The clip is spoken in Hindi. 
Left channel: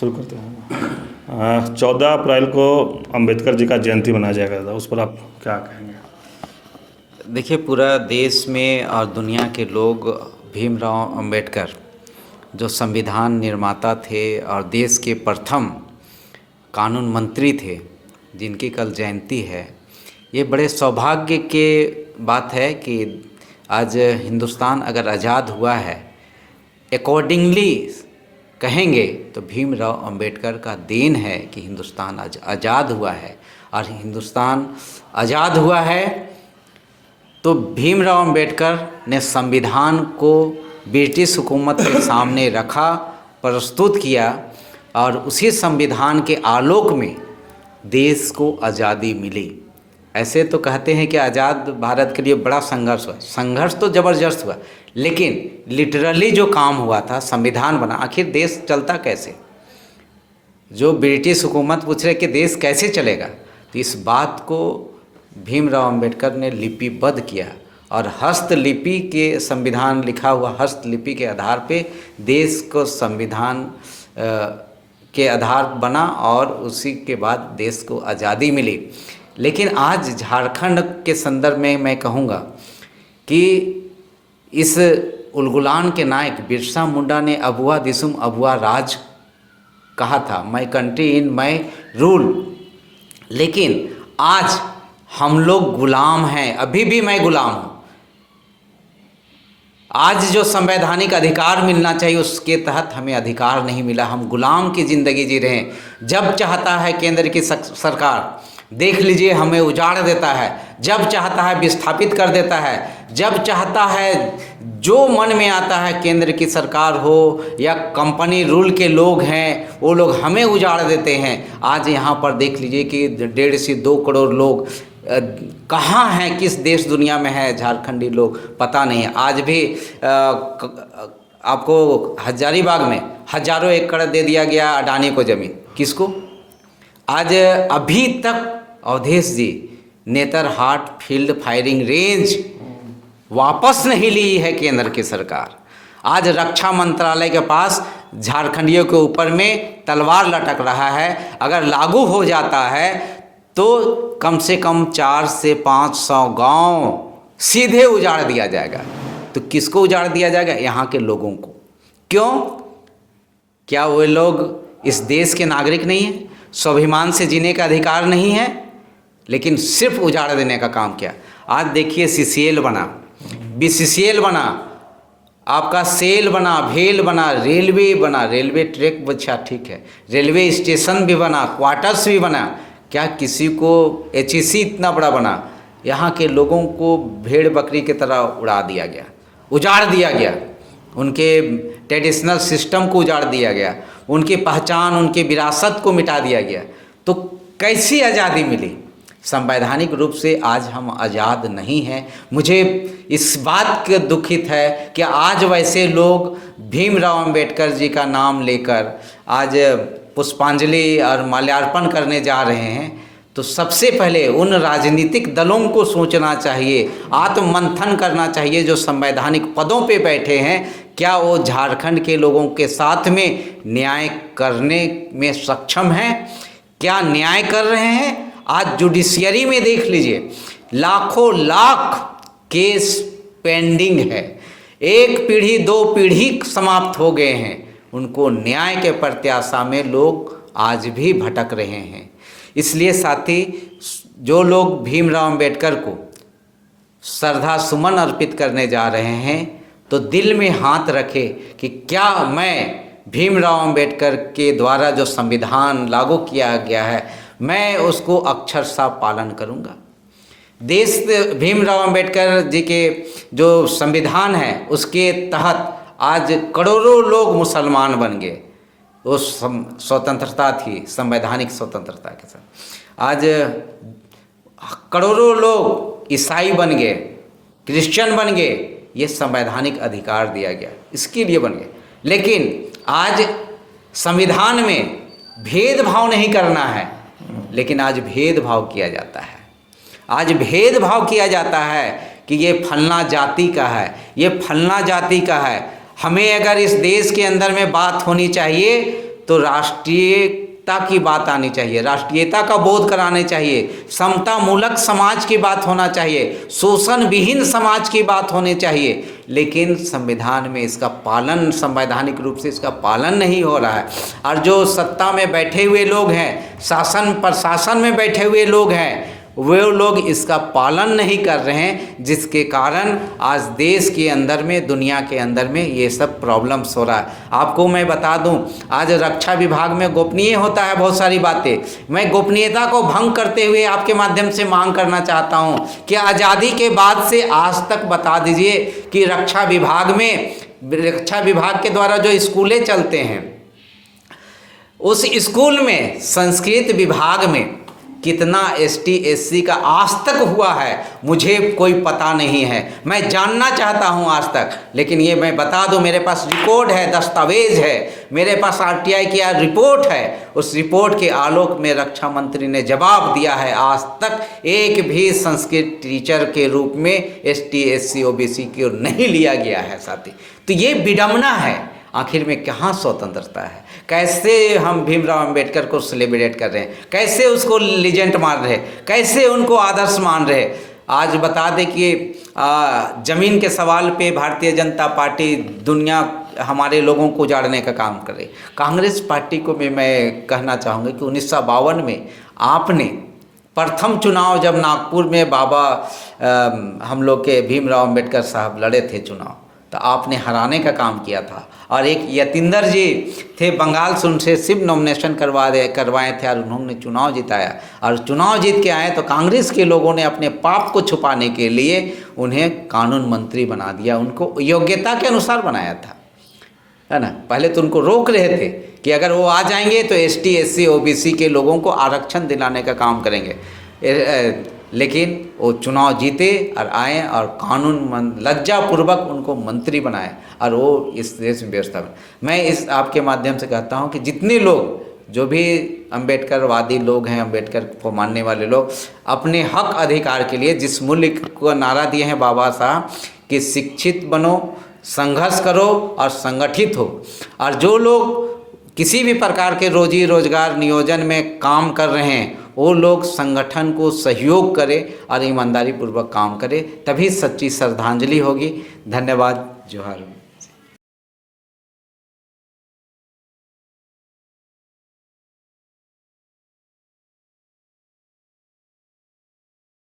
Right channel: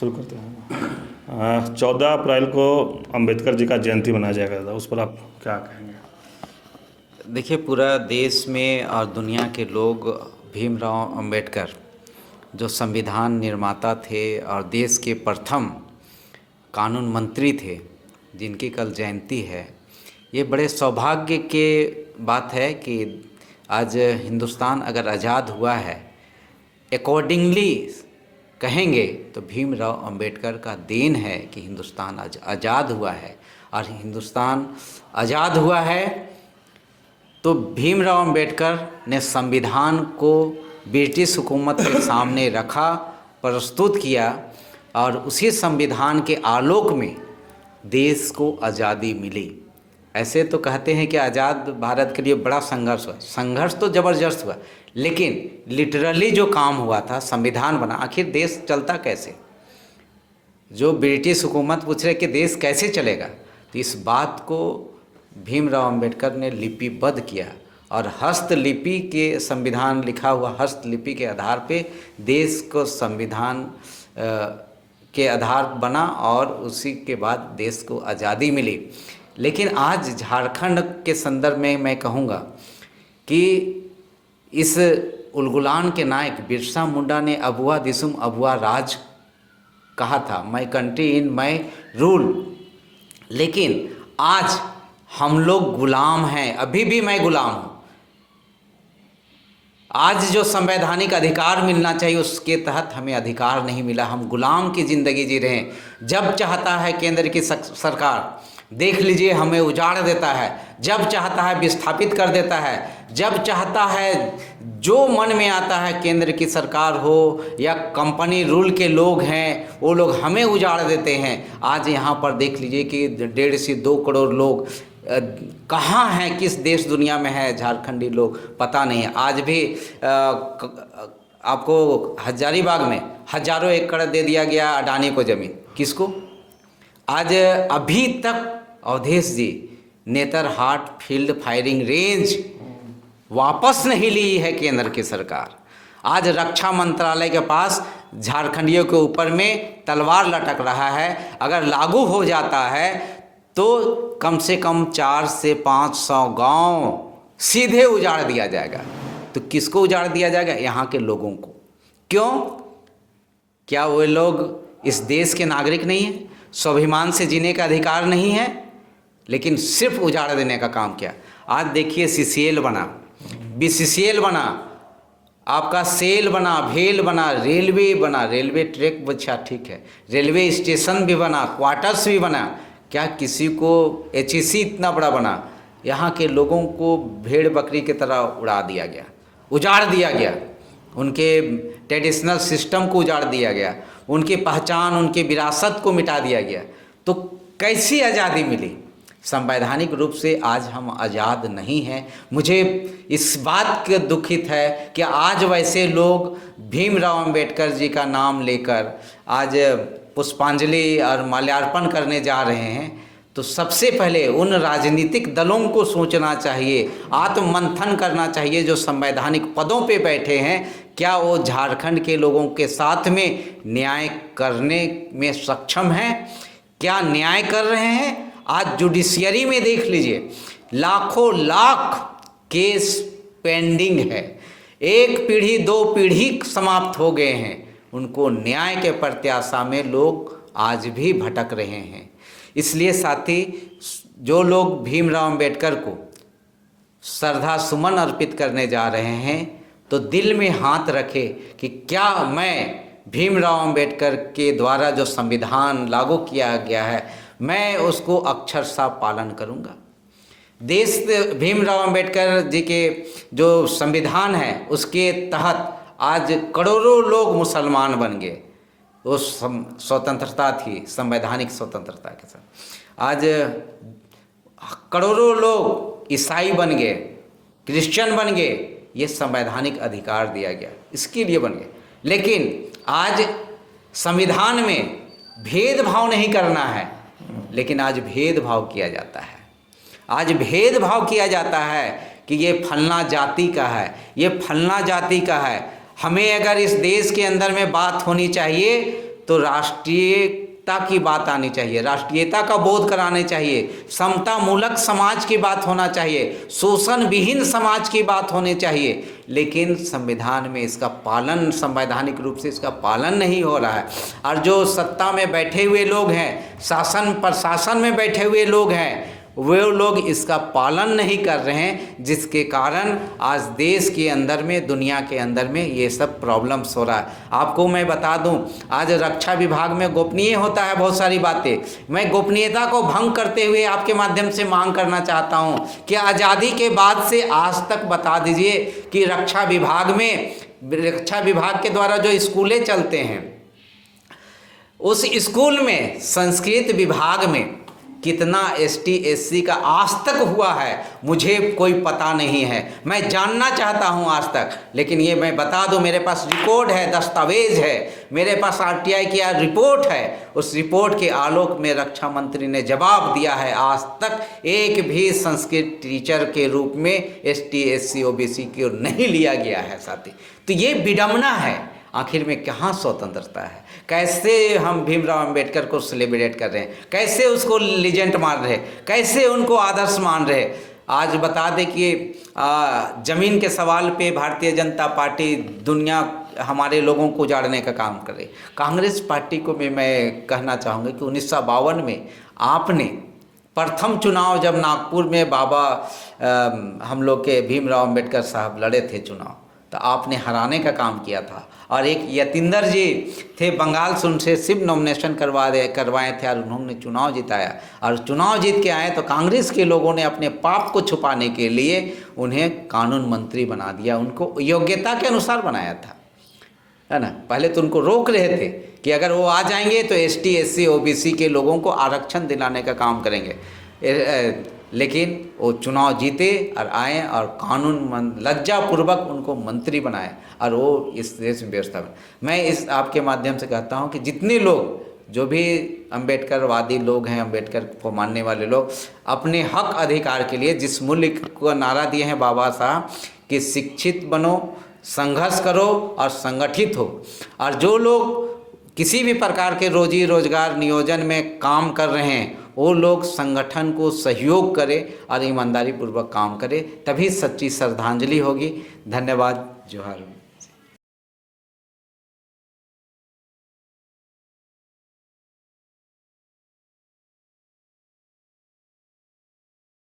शुरू करते हैं। 14 अप्रैल को अंबेडकर जी का जयंती मनाया जाएगा, उस पर आप क्या कहेंगे? देखिए, पूरा देश में और दुनिया के लोग भीमराव अंबेडकर जो संविधान निर्माता थे और देश के प्रथम कानून मंत्री थे, जिनकी कल जयंती है, ये बड़े सौभाग्य के बात है कि आज हिंदुस्तान अगर आज़ाद हुआ है, अकॉर्डिंगली कहेंगे तो भीमराव अंबेडकर का देन है कि हिंदुस्तान आज आज़ाद हुआ है। और हिंदुस्तान आज़ाद हुआ है तो भीमराव अंबेडकर ने संविधान को ब्रिटिश हुकूमत के सामने रखा, प्रस्तुत किया, और उसी संविधान के आलोक में देश को आज़ादी मिली। ऐसे तो कहते हैं कि आज़ाद भारत के लिए बड़ा संघर्ष हुआ, संघर्ष तो ज़बरदस्त हुआ, लेकिन लिटरली जो काम हुआ था, संविधान बना, आखिर देश चलता कैसे? जो ब्रिटिश हुकूमत पूछ रहे कि देश कैसे चलेगा, तो इस बात को भीमराव अंबेडकर ने लिपिबद्ध किया और हस्तलिपि के संविधान लिखा हुआ हस्तलिपि के आधार पे देश को संविधान के आधार बना और उसी के बाद देश को आज़ादी मिली। लेकिन आज झारखंड के संदर्भ में मैं कहूँगा कि इस उलगुलान के नायक बिरसा मुंडा ने अबुआ दिसुम अबुआ राज कहा था, my country in my rule. लेकिन आज हम लोग गुलाम हैं, अभी भी मैं गुलाम हूँ। आज जो संवैधानिक अधिकार मिलना चाहिए उसके तहत हमें अधिकार नहीं मिला, हम गुलाम की ज़िंदगी जी रहे हैं। जब चाहता है केंद्र की सरकार, देख लीजिए, हमें उजाड़ देता है, जब चाहता है विस्थापित कर देता है, जब चाहता है जो मन में आता है, केंद्र की सरकार हो या कंपनी रूल के लोग हैं, वो लोग हमें उजाड़ देते हैं। आज यहाँ पर देख लीजिए कि 1.5 से 2 करोड़ लोग कहाँ हैं, किस देश दुनिया में है झारखंडी लोग, पता नहीं है। आज भी आपको हजारीबाग में हजारों एकड़ दे दिया गया अडानी को ज़मीन, किसको? आज अभी तक अवधेश जी नेतरहाट फील्ड फायरिंग रेंज वापस नहीं ली है केंद्र की सरकार। आज रक्षा मंत्रालय के पास झारखंडियों के ऊपर में तलवार लटक रहा है। अगर लागू हो जाता है तो कम से कम 400 से 500 गांव सीधे उजाड़ दिया जाएगा। तो किसको उजाड़ दिया जाएगा? यहाँ के लोगों को। क्यों? क्या वे लोग इस देश के नागरिक नहीं हैं? स्वाभिमान से जीने का अधिकार नहीं है? लेकिन सिर्फ उजाड़ देने का काम किया। आज देखिए, CCL बना, BCCL बना, आपका सेल बना, भेल बना, रेलवे बना, रेलवे ट्रैक अच्छा ठीक है, रेलवे स्टेशन भी बना, क्वार्टर्स भी बना। क्या किसी को HEC इतना बड़ा बना? यहाँ के लोगों को भेड़ बकरी की तरह उड़ा दिया गया, उजाड़ दिया गया, उनके ट्रेडिशनल सिस्टम को उजाड़ दिया गया, उनकी पहचान, उनकी विरासत को मिटा दिया गया। तो कैसी आज़ादी मिली? संवैधानिक रूप से आज हम आज़ाद नहीं हैं। मुझे इस बात के दुखित है कि आज वैसे लोग भीमराव अंबेडकर जी का नाम लेकर आज पुष्पांजलि और माल्यार्पण करने जा रहे हैं। तो सबसे पहले उन राजनीतिक दलों को सोचना चाहिए, आत्ममंथन करना चाहिए जो संवैधानिक पदों पे बैठे हैं। क्या वो झारखंड के लोगों के साथ में न्याय करने में सक्षम हैं? क्या न्याय कर रहे हैं? आज जुडिशियरी में देख लीजिए, लाखों लाख केस पेंडिंग है। 1 पीढ़ी 2 पीढ़ी समाप्त हो गए हैं, उनको न्याय के प्रत्याशा में लोग आज भी भटक रहे हैं। इसलिए साथी, जो लोग भीमराव अंबेडकर को श्रद्धा सुमन अर्पित करने जा रहे हैं, तो दिल में हाथ रखे कि क्या मैं भीमराव अंबेडकर के द्वारा जो संविधान लागू किया गया है, मैं उसको अक्षरशः पालन करूंगा। देश भीमराव अंबेडकर जी के जो संविधान है उसके तहत आज करोड़ों लोग मुसलमान बन गए। वो स्वतंत्रता थी, संवैधानिक स्वतंत्रता के साथ। आज करोड़ों लोग ईसाई बन गए, क्रिश्चियन बन गए, ये संवैधानिक अधिकार दिया गया, इसके लिए बन गए। लेकिन आज संविधान में भेदभाव नहीं करना है, लेकिन आज भेदभाव किया जाता है। आज भेदभाव किया जाता है कि ये फलना जाति का है, ये फलना जाति का है। हमें अगर इस देश के अंदर में बात होनी चाहिए तो राष्ट्रीयता की बात आनी चाहिए, राष्ट्रीयता का बोध कराने चाहिए, समता मूलक समाज की बात होना चाहिए, शोषण विहीन समाज की बात होनी चाहिए। लेकिन संविधान में इसका पालन, संवैधानिक रूप से इसका पालन नहीं हो रहा है। और जो सत्ता में बैठे हुए लोग हैं, शासन प्रशासन में बैठे हुए लोग हैं, वे लोग इसका पालन नहीं कर रहे हैं, जिसके कारण आज देश के अंदर में, दुनिया के अंदर में ये सब प्रॉब्लम्स हो रहा है। आपको मैं बता दूं, आज रक्षा विभाग में गोपनीय होता है बहुत सारी बातें। मैं गोपनीयता को भंग करते हुए आपके माध्यम से मांग करना चाहता हूं कि आज़ादी के बाद से आज तक बता दीजिए कि रक्षा विभाग के द्वारा जो स्कूलें चलते हैं, उस स्कूल में संस्कृत विभाग में कितना ST SC का आज तक हुआ है मुझे कोई पता नहीं है। मैं जानना चाहता हूं आज तक, लेकिन ये मैं बता दूं, मेरे पास रिकॉर्ड है, दस्तावेज है, मेरे पास RTI की रिपोर्ट है। उस रिपोर्ट के आलोक में रक्षा मंत्री ने जवाब दिया है, आज तक एक भी संस्कृत टीचर के रूप में ST SC OBC को नहीं लिया गया है साथी। तो ये विडंबना है। आखिर में कहाँ स्वतंत्रता है? कैसे हम भीमराव अंबेडकर को सेलिब्रेट कर रहे हैं, कैसे उसको लीजेंड मान रहे हैं, कैसे उनको आदर्श मान रहे हैं। आज बता दें कि ज़मीन के सवाल पे भारतीय जनता पार्टी दुनिया हमारे लोगों को उजाड़ने का काम करे। कांग्रेस पार्टी को भी मैं कहना चाहूँगा कि 1952 में आपने प्रथम चुनाव जब नागपुर में बाबा हम लोग के भीमराव अंबेडकर साहब लड़े थे चुनाव, तो आपने हराने का काम किया था। और एक यतींदर जी थे बंगाल से, उनसे सिर्फ नॉमिनेशन करवाए थे और उन्होंने चुनाव जिताया। और चुनाव जीत के आए तो कांग्रेस के लोगों ने अपने पाप को छुपाने के लिए उन्हें कानून मंत्री बना दिया, उनको योग्यता के अनुसार बनाया था, है ना। पहले तो उनको रोक रहे थे कि अगर वो आ जाएंगे तो ST SC OBC के लोगों को आरक्षण दिलाने का काम करेंगे, लेकिन वो चुनाव जीते और आए और कानून लज्जापूर्वक उनको मंत्री बनाए और वो इस देश में व्यवस्था में। मैं इस आपके माध्यम से कहता हूँ कि जितने लोग, जो भी अम्बेडकरवादी लोग हैं, अम्बेडकर को मानने वाले लोग, अपने हक अधिकार के लिए जिस मूल्य को नारा दिए हैं बाबा साहब कि शिक्षित बनो, संघर्ष करो और संगठित हो, और जो लोग किसी भी प्रकार के रोजी रोजगार नियोजन में काम कर रहे हैं वो लोग संगठन को सहयोग करें और ईमानदारी पूर्वक काम करें, तभी सच्ची श्रद्धांजलि होगी। धन्यवाद। जोहार।